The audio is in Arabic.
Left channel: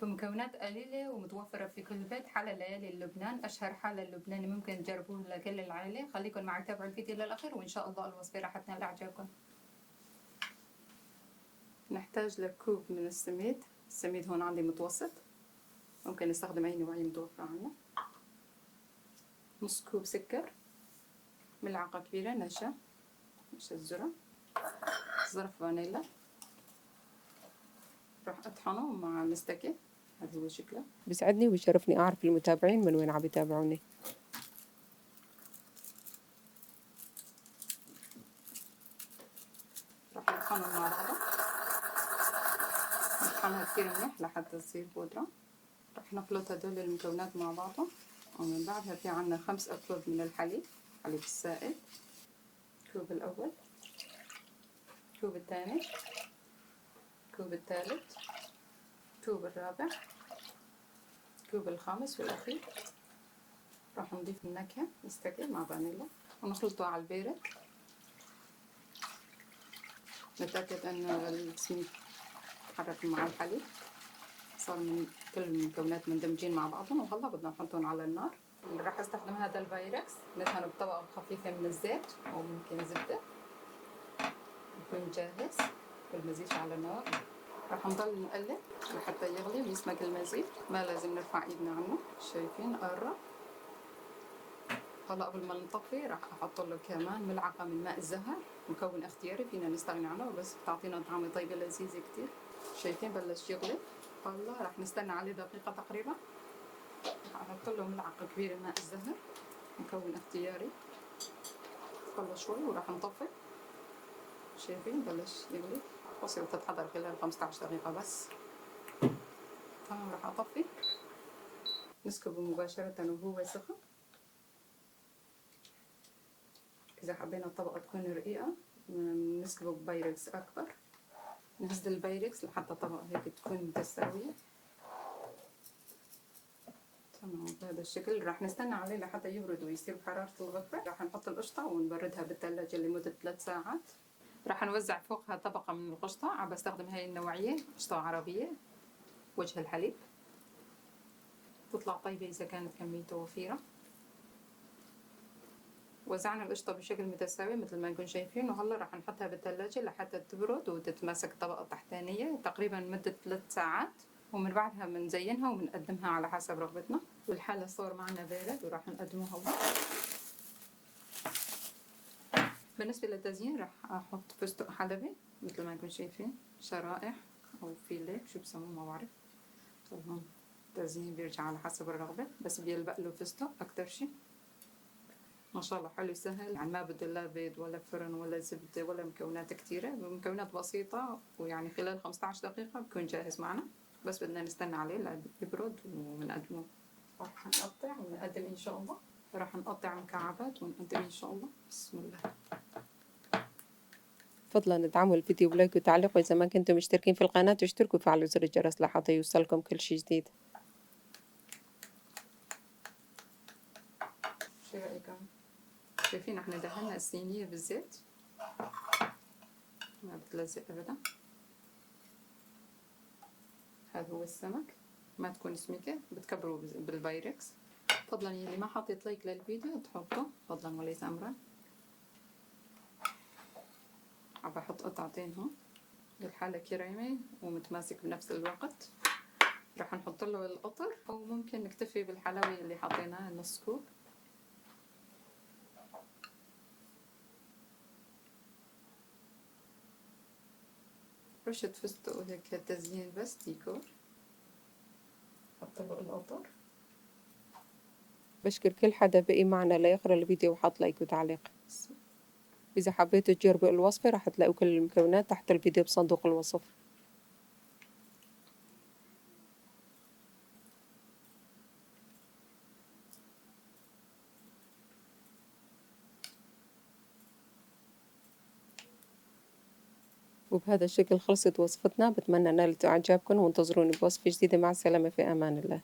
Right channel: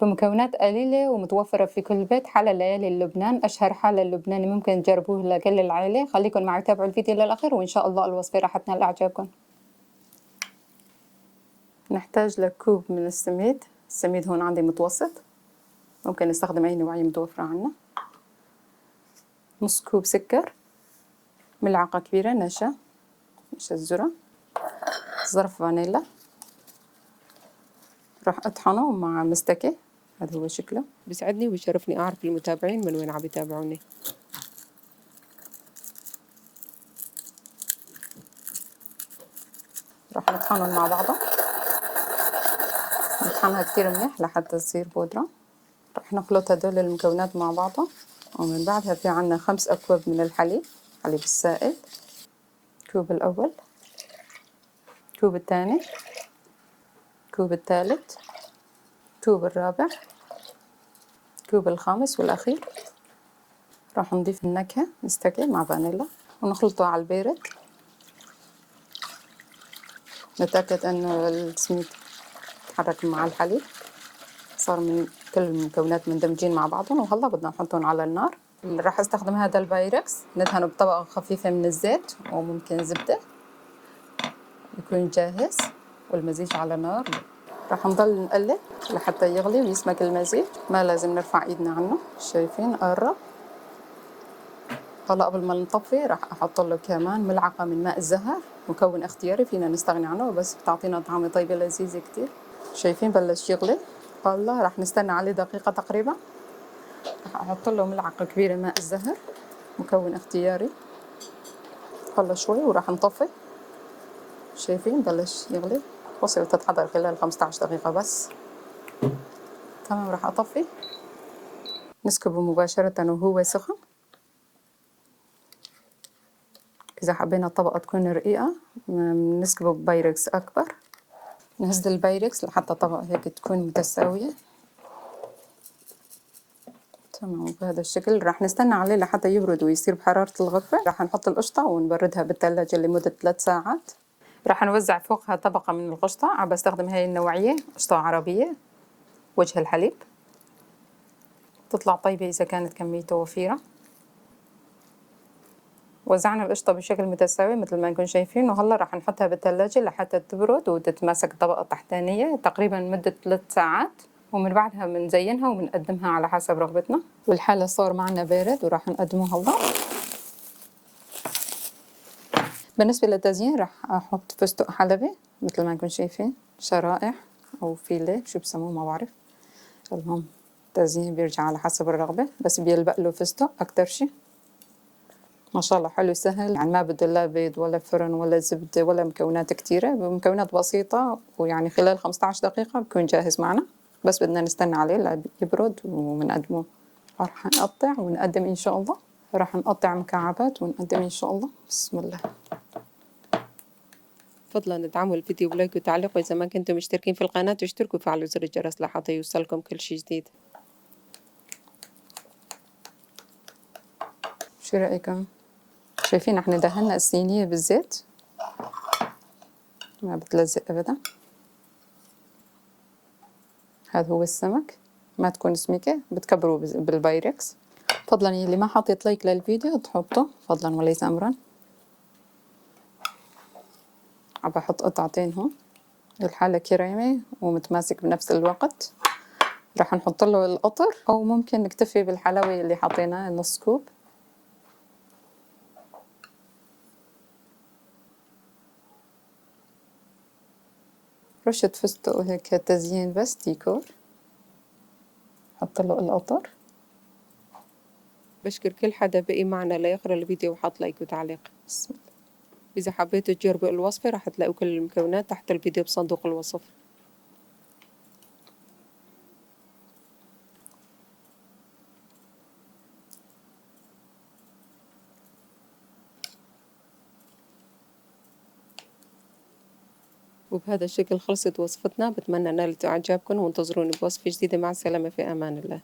بمكونات قليلة ومتوفرة في كل بيت. حلا ليالي لبنان، أشهر حلا اللبناني ممكن تجربوه لكل العائلة. خليكن معي تابعوا الفيديو للآخر وإن شاء الله الوصفة راح تنال إعجابكم. نحتاج لكوب من السميد. السميد هون عندي متوسط، ممكن نستخدم أي نوعية متوفرة عنا. نص كوب سكر، ملعقة كبيرة نشا الذرة، ظرف فانيلا. راح أطحنه مع مستكة، هذا هو شكله. بيسعدني وبيشرفني أعرف المتابعين من وين عم يتابعوني. راح نطحنهم مع بعضها، نطحنها كتير منيح لحتى تصير بودرة. راح نخلط هدول المكونات مع بعضها، ومن بعدها في عنا 5 أكواب من الحليب، حليب السائل. الكوب الأول، الكوب الثاني، الكوب الثالث، الكوب الرابع، الكوب الخامس والأخير. راح نضيف النكهة مستكة مع فانيلا ونخلطه على البارد. نتأكد أنه السميد تحرك مع الحليب، صار من كل المكونات مندمجين مع بعضهم. وهلا بدنا نحطهم على النار. اللي راح استخدم هذا البايركس ندهنه بطبقة خفيفة من الزيت وممكن زبدة، يكون جاهز. والمزيج على نار، راح نضل نقلب لحتى يغلي ويسمك المزيج. ما لازم نرفع ايدنا عنه، شايفين قرب. هلا قبل ما نطفي راح احط له كمان ملعقة من ماء الزهر، مكون اختياري فينا نستغني عنه بس بتعطينا طعمة طيبة لذيذة كتير. شايفين بلش يغلي. هلا راح نستنى عليه دقيقة تقريبا. راح احط له ملعقة كبيرة ماء الزهر، مكون اختياري. هلا شوي وراح نطفي. شايفين بلش يغلي، وصل تتحضر خلال 15 دقيقة بس. تمام، راح اطفي. نسكبه مباشرة وهو سخن. إذا حبينا الطبقة تكون رقيقة نسكبه ببايركس أكبر. نهز البايركس لحتى الطبقة هيك تكون متساوية. تمام، بهذا الشكل. راح نستنى عليه لحتى يبرد ويصير بحرارة الغرفة. راح نحط القشطة ونبردها بالثلاجة لمدة 3 ساعات. راح نوزع فوقها طبقة من القشطة. عم بستخدم هاي النوعية، قشطة عربية وجه الحليب، تطلع طيبة إذا كانت كميته وفيرة. وزعنا القشطة بشكل متساوي مثل ما نكون شايفين. وهلا راح نحطها بالثلاجة لحتى تبرد وتتماسك الطبقة التحتانية تقريبا مدة 3 ساعات. ومن بعدها بنزينها وبنقدمها على حسب رغبتنا. والحالة صار معنا بارد وراح نقدمه هلا. بالنسبة للتزيين راح أحط فستق حلبي مثل ما نكون شايفين، شرائح أو فيليه شو بسموه ما بعرف. المهم التزيين بيرجع على حسب الرغبة، بس بيلبق له فستق أكتر شي. ما شاء الله حلو سهل، يعني ما بده لا بيض ولا فرن ولا زبدة ولا مكونات كتيرة، بمكونات بسيطة. ويعني خلال 15 دقيقة بكون جاهز معنا. بس بدنا نستنى عليه ليبرد وبنقدمه. راح نقطع ونقدم إن شاء الله. راح نقطع مكعبات ونقدم إن شاء الله. بسم الله. فضلا ادعموا الفيديو بلايك وتعليق، وإذا ما كنتم مشتركين في القناة اشتركوا وفعلوا زر الجرس لحتى يوصلكم كل شي جديد. شو رأيكم؟ شايفين احنا دهنا الصينية بالزيت، ما بتلزق أبدا. هذا هو السمك، ما تكون سميكة، بتكبروا بالبايركس. فضلا يلي ما حطيت لايك للفيديو تحطه فضلا وليس أمرا. عم بحط قطعتين هون. الحالة كريمة ومتماسك بنفس الوقت. راح نحط له القطر أو ممكن نكتفي بالحلاوة اللي حطيناه نص كوب. رشة فستق وهيك تزيين بس ديكور. حط له القطر. بشكر كل حدا بقي معنا ليقرأ الفيديو وحط لايك وتعليق. بسم الله. إذا حبيتوا تجربوا الوصفة راح تلاقوا كل المكونات تحت الفيديو بصندوق الوصف. وبهذا الشكل خلصت وصفتنا. بتمنى نالت إعجابكم وانتظروني بوصفة جديدة. مع السلامة، في أمان الله.